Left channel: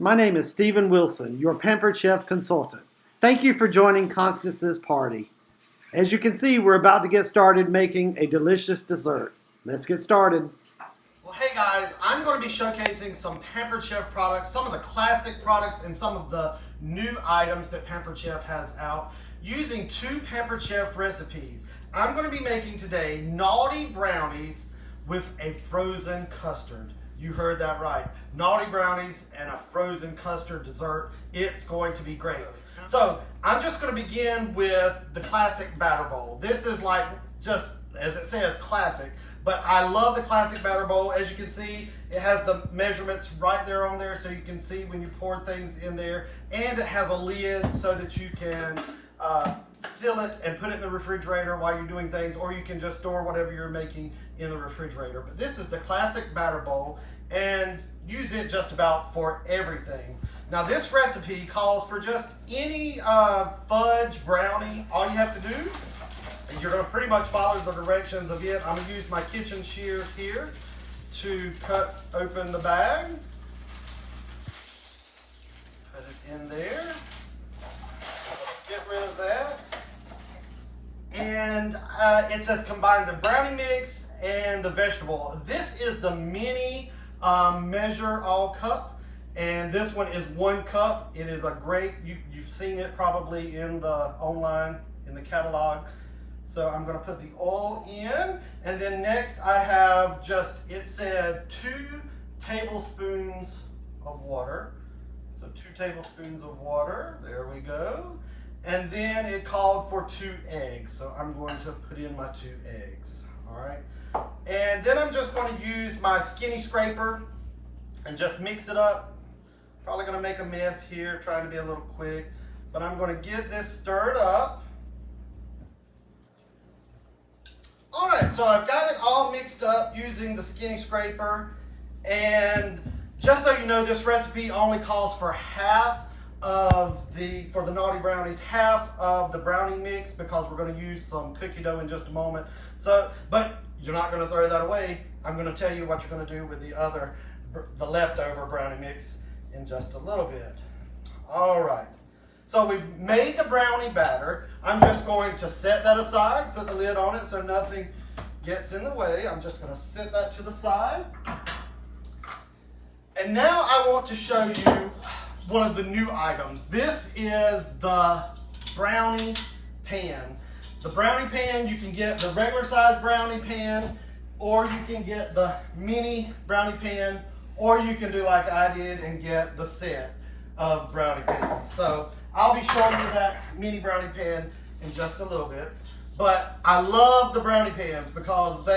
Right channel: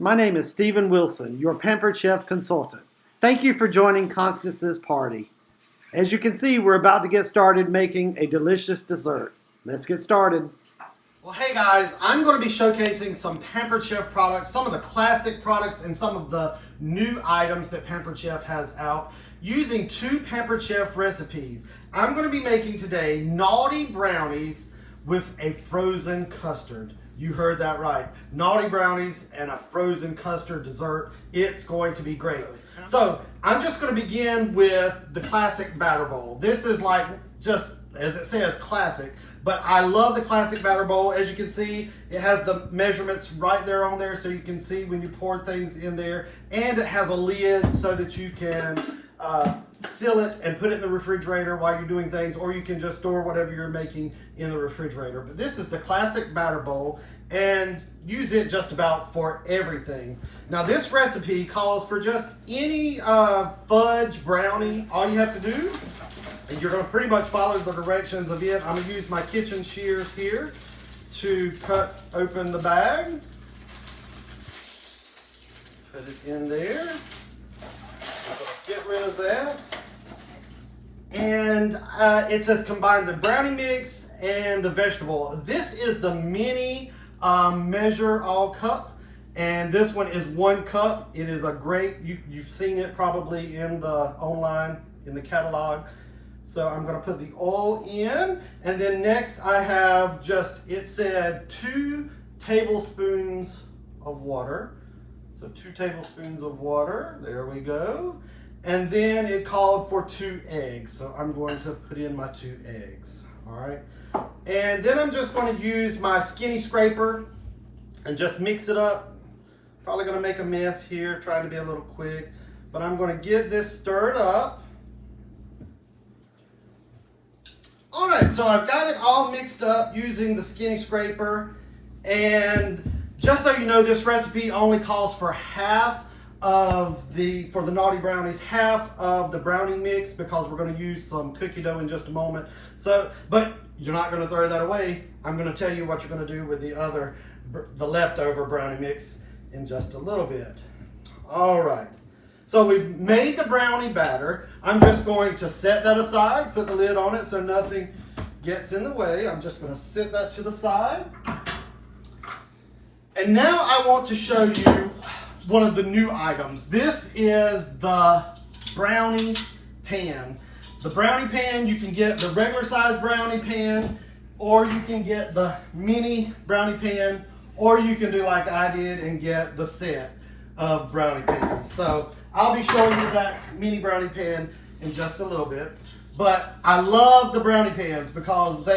My name is Stephen Wilson, your Pampered Chef consultant. Thank you for joining Constance's party. As you can see, we're about to get started making a delicious dessert. Let's get started. Well, hey guys, I'm going to be showcasing some Pampered Chef products, some of the classic products and some of the new items that Pampered Chef has out using two Pampered Chef recipes. I'm going to be making today naughty brownies with a frozen custard. You heard that right. Naughty brownies and a frozen custard dessert. It's going to be great. So I'm just going to begin with the classic batter bowl. This is like just, as it says, classic. But I love the classic batter bowl. As you can see, it has the measurements right there on there so you can see when you pour things in there. And it has a lid so that you can seal it and put it in the refrigerator while you're doing things, or you can just store whatever you're making in the refrigerator. But this is the classic batter bowl, and use it just about for everything. Now this recipe calls for just any fudge brownie. All you have to do, and you're going to pretty much follow the directions of it. I'm going to use my kitchen shears here to cut open the bag. Put it in there. Get rid of that. And it says combine the brownie mix and the vegetable. This is the mini measure all cup, and this one is 1 cup. It is a great, you've seen it probably in the online, in the catalog. So I'm going to put the oil in, and then next I have just, it said 2 tablespoons of water. So 2 tablespoons of water, there we go. And then it called for 2 eggs. So I'm going to put in my 2 eggs, all right? And then I'm just going to use my skinny scraper and just mix it up. Probably going to make a mess here, trying to be a little quick, but I'm going to get this stirred up. All right, so I've got it all mixed up using the skinny scraper. And just so you know, this recipe only calls for half of for the naughty brownies, half of the brownie mix, because we're going to use some cookie dough in just a moment. So, but you're not going to throw that away. I'm going to tell you what you're going to do with the leftover brownie mix in just a little bit. All right. So we've made the brownie batter. I'm just going to set that aside, put the lid on it so nothing gets in the way. I'm just going to set that to the side. And now I want to show you one of the new items. This is the brownie pan. The brownie pan, you can get the regular size brownie pan, or you can get the mini brownie pan, or you can do like I did and get the set of brownie pans. So I'll be showing you that mini brownie pan in just a little bit. But I love the brownie pans because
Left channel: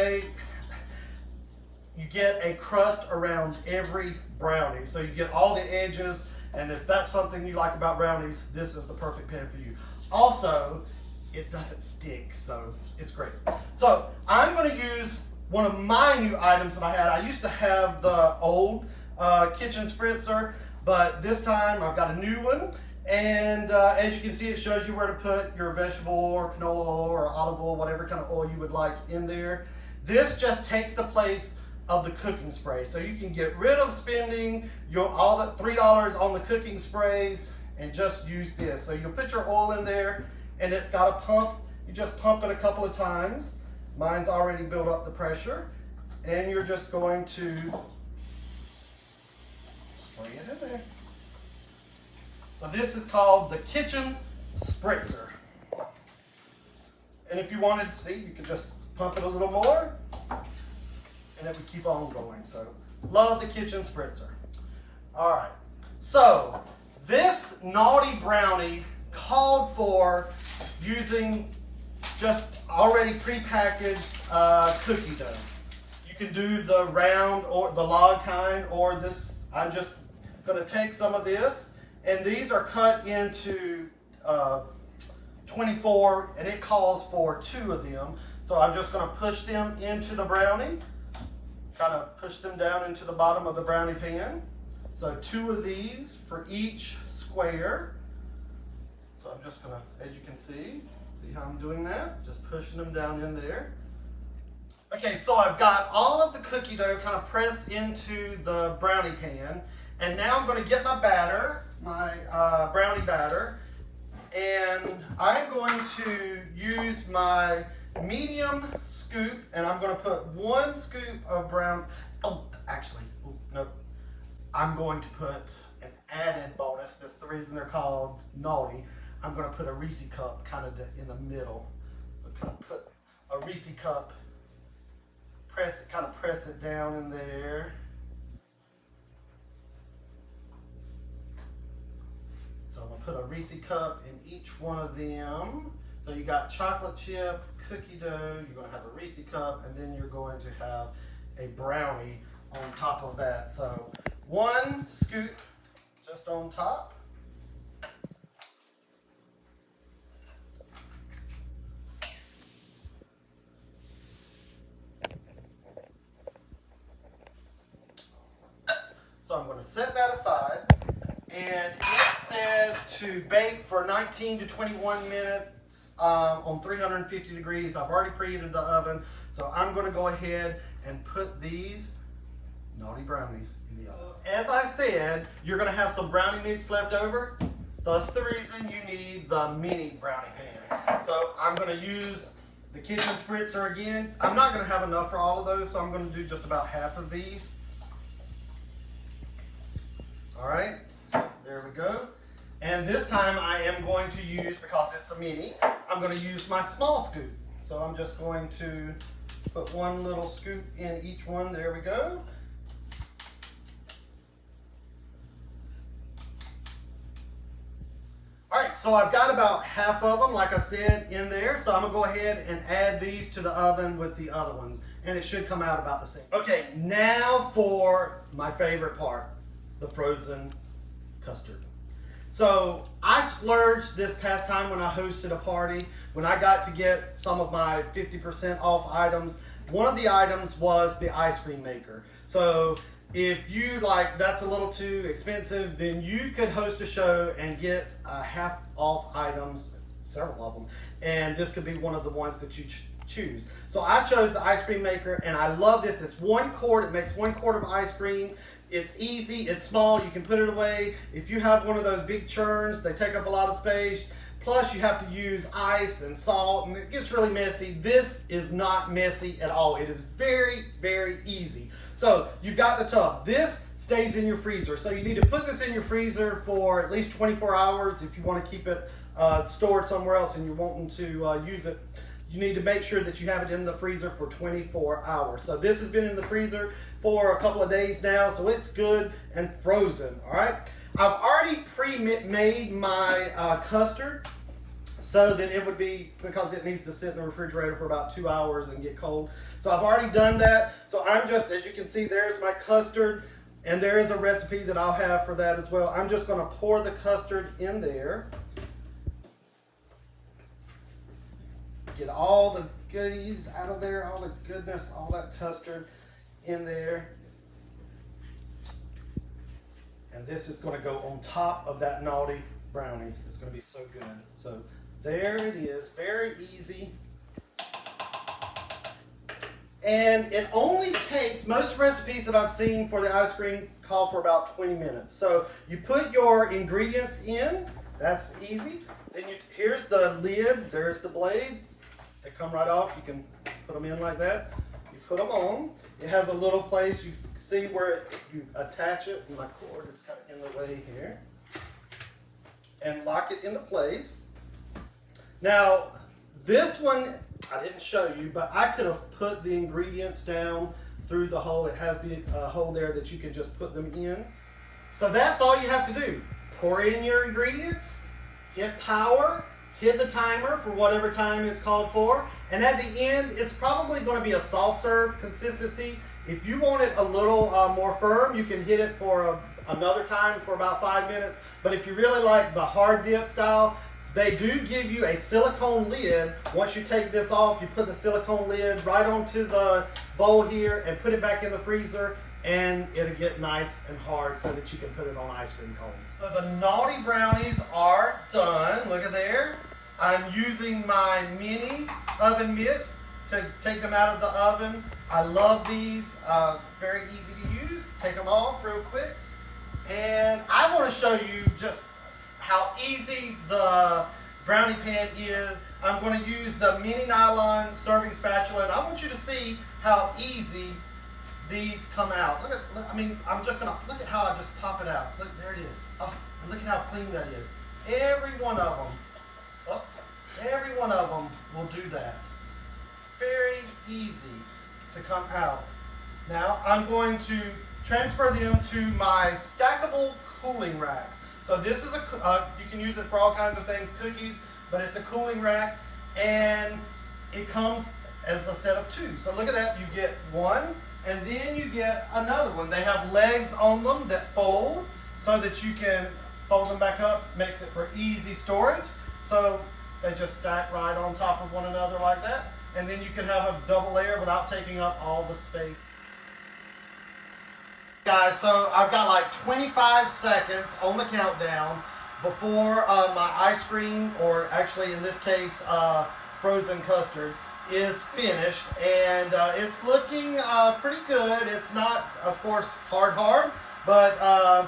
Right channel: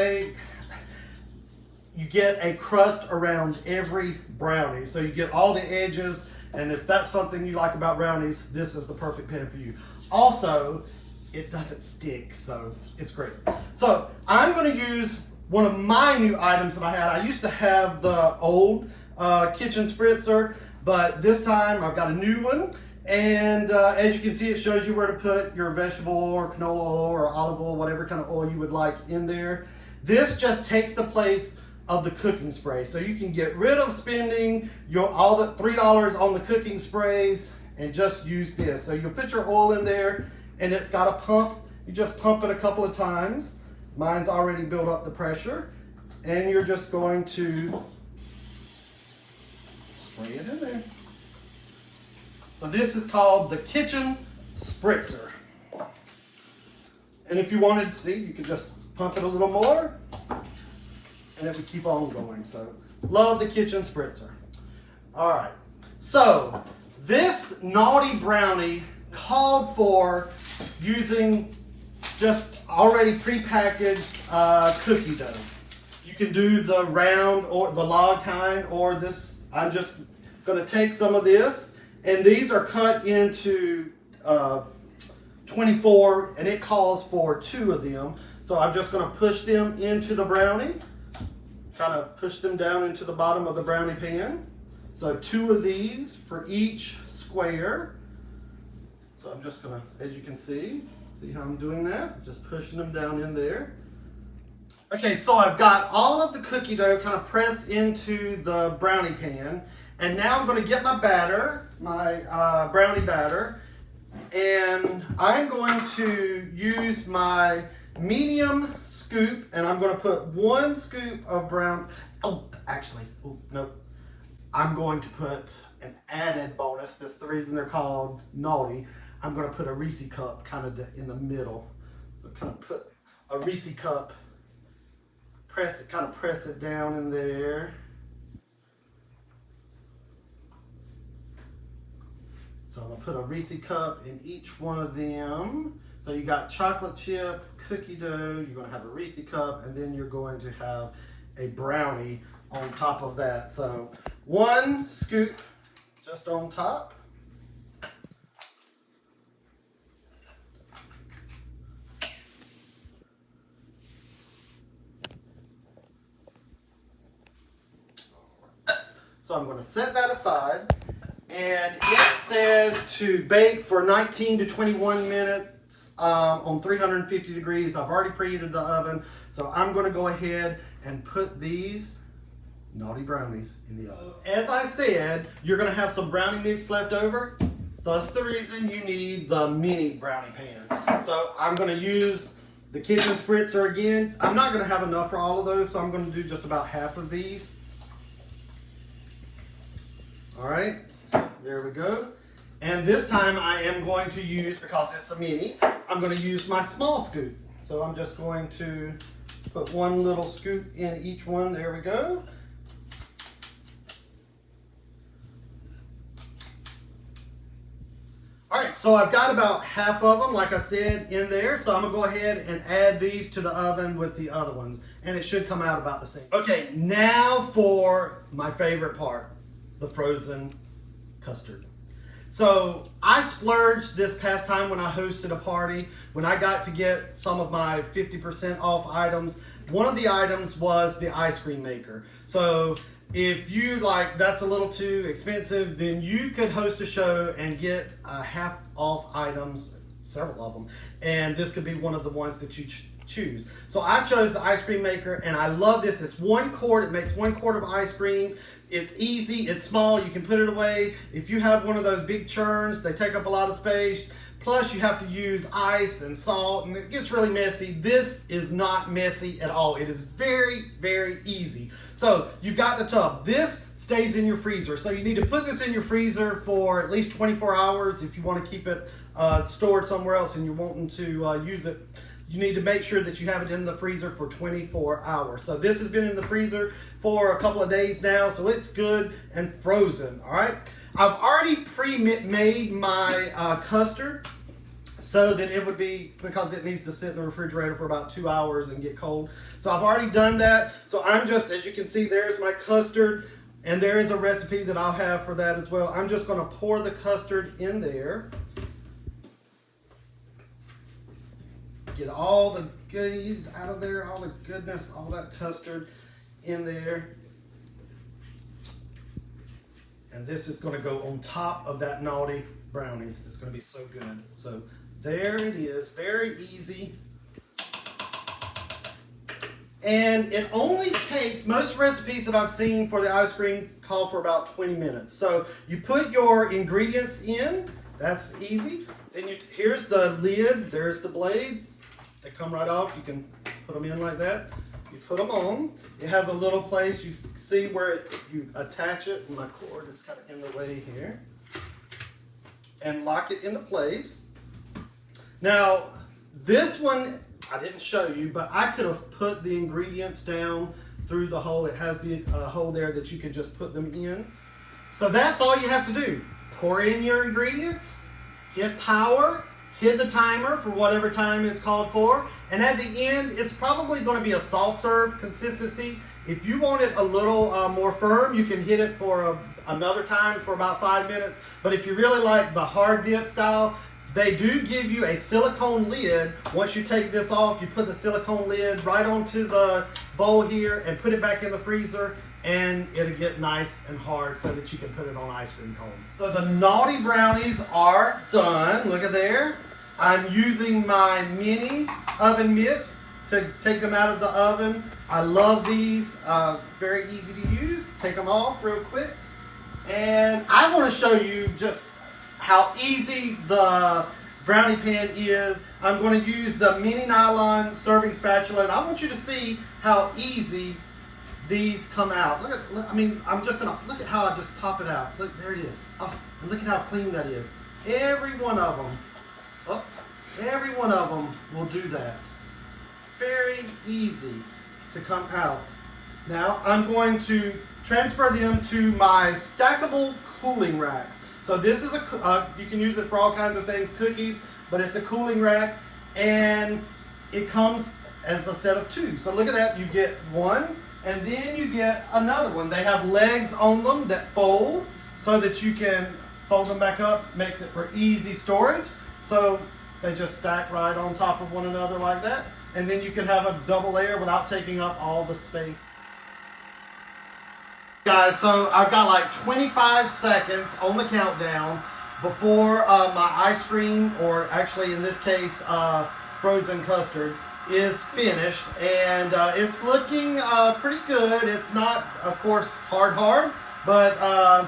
you get a crust around every brownie. So you get all the edges, and if that's something you like about brownies, this is the perfect pan for you. Also, it doesn't stick, so it's great. So I'm going to use one of my new items that I had. I used to have the old kitchen spritzer, but this time I've got a new one. And as you can see, it shows you where to put your vegetable or canola oil or olive oil, whatever kind of oil you would like in there. This just takes the place of the cooking spray. So you can get rid of spending all the $3 on the cooking sprays and just use this. So you'll put your oil in there, and it's got a pump. You just pump it a couple of times. Mine's already built up the pressure, and you're just going to spray it in there. So this is called the kitchen spritzer. And if you wanted to see, you could just pump it a little more, and it would keep on going. So love the kitchen spritzer. All right, so this naughty brownie called for using just already prepackaged cookie dough. You can do the round or the log kind, or this. I'm just going to take some of this, and these are cut into 24, and it calls for 2 of them. So I'm just going to push them into the brownie, kind of push them down into the bottom of the brownie pan. So 2 of these for each square. So I'm just going to, as you can see how I'm doing that? Just pushing them down in there. Okay, so I've got all of the cookie dough kind of pressed into the brownie pan, And now I'm going to get my batter, my brownie batter, and I'm going to use my medium scoop, and I'm going to put 1 scoop of no. I'm going to put an added bonus. That's the reason they're called naughty. I'm going to put a Reese cup kind of in the middle. So kind of put a Reese cup, press it down in there. So I'm going to put a Reese cup in each one of them. So you got chocolate chip, cookie dough, you're going to have a Reese cup, and then you're going to have a brownie on top of that. So 1 scoop just on top. So I'm going to set that aside, and it says to bake for 19 to 21 minutes on 350 degrees. I've already preheated the oven, so I'm going to go ahead and put these naughty brownies in the oven. As I said, you're going to have some brownie mix left over. That's the reason you need the mini brownie pan. So I'm going to use the kitchen spritzer again. I'm not going to have enough for all of those, so I'm going to do just about half of these. All right, there we go. And this time I am going to use, because it's a mini, I'm going to use my small scoop. So I'm just going to put 1 little scoop in each one. There we go. All right, so I've got about half of them, like I said, in there. So I'm gonna go ahead and add these to the oven with the other ones, and it should come out about the same. Okay, now for my favorite part, the frozen custard. So I splurged this past time when I hosted a party, when I got to get some of my 50% off items. One of the items was the ice cream maker. So if you that's a little too expensive, then you could host a show and get half off items, several of them, and this could be one of the ones that you choose. So I chose the ice cream maker, and I love this. It's 1 quart. It makes 1 quart of ice cream. It's easy, it's small, you can put it away. If you have one of those big churns, they take up a lot of space. Plus you have to use ice and salt, and it gets really messy. This is not messy at all. It is very, very easy. So you've got the tub. This stays in your freezer. So you need to put this in your freezer for at least 24 hours if you want to keep it stored somewhere else and you're wanting to use it. You need to make sure that you have it in the freezer for 24 hours. So this has been in the freezer for a couple of days now, so it's good and frozen, all right? I've already pre-made my custard so that it would be, because it needs to sit in the refrigerator for about 2 hours and get cold. So I've already done that. So I'm just, as you can see, there's my custard, and there is a recipe that I'll have for that as well. I'm just gonna pour the custard in there. Get all the goodies out of there, all the goodness, all that custard in there. And this is going to go on top of that naughty brownie. It's going to be so good. So there it is, very easy. And it only takes, most recipes that I've seen for the ice cream call for about 20 minutes. So you put your ingredients in, that's easy. Then here's the lid, there's the blades. They come right off. You can put them in like that. You put them on. It has a little place. You see where you attach it. My cord is kind of in the way here. And lock it into place. Now, this one, I didn't show you, but I could have put the ingredients down through the hole. It has the hole there that you can just put them in. So that's all you have to do. Pour in your ingredients, hit power, hit the timer for whatever time it's called for, and at the end, it's probably going to be a soft serve consistency. If you want it a little more firm, you can hit it for another time for about 5 minutes, but if you really like the hard dip style, they do give you a silicone lid. Once you take this off, you put the silicone lid right onto the bowl here and put it back in the freezer, and it'll get nice and hard so that you can put it on ice cream cones. So the naughty brownies are done. Look at there. I'm using my mini oven mitts to take them out of the oven. I love these, very easy to use. Take them off real quick. And I want to show you just how easy the brownie pan is. I'm going to use the mini nylon serving spatula, and I want you to see how easy these come out. Look at, I mean, I'm just gonna look at how I just pop it out. Look, there it is. Oh, and look at how clean that is. Every one of them. Oh, every one of them will do that. Very easy to come out. Now I'm going to transfer them to my stackable cooling racks. So this is you can use it for all kinds of things, cookies, but it's a cooling rack, and it comes as a set of two. So look at that, you get one, and then you get another one. They have legs on them that fold so that you can fold them back up, makes it for easy storage. So they just stack right on top of one another like that, and then you can have a double layer without taking up all the space. Guys, so I've got like 25 seconds on the countdown before my ice cream, or actually in this case frozen custard, is finished, and it's looking pretty good. It's not, of course, hard, but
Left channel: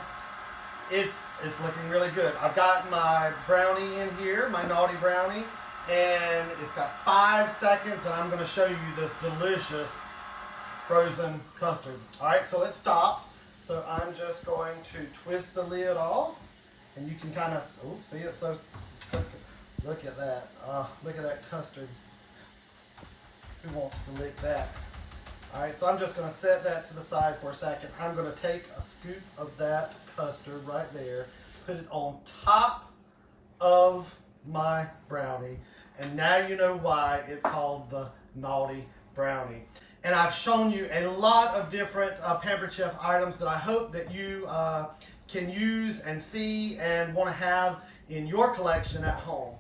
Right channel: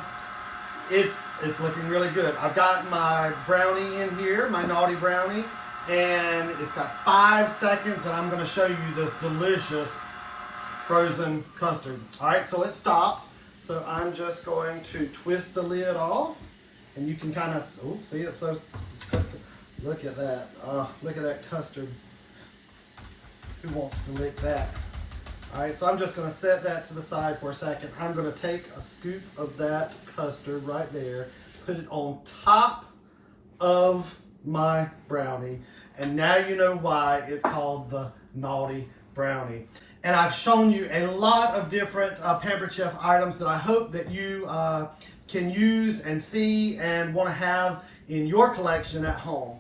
it's looking really good. I've got my brownie in here, my naughty brownie, and it's got 5 seconds, and I'm going to show you this delicious frozen custard. All right, so it stopped. So I'm just going to twist the lid off, and you can kind of, see, it's so, look at that. Look at that custard. Who wants to lick that? All right, so I'm just going to set that to the side for a second. I'm going to take a scoop of that custard right there, put it on top of my brownie, and now you know why it's called the naughty brownie. And I've shown you a lot of different Pampered Chef items that I hope that you can use and see and want to have in your collection at home.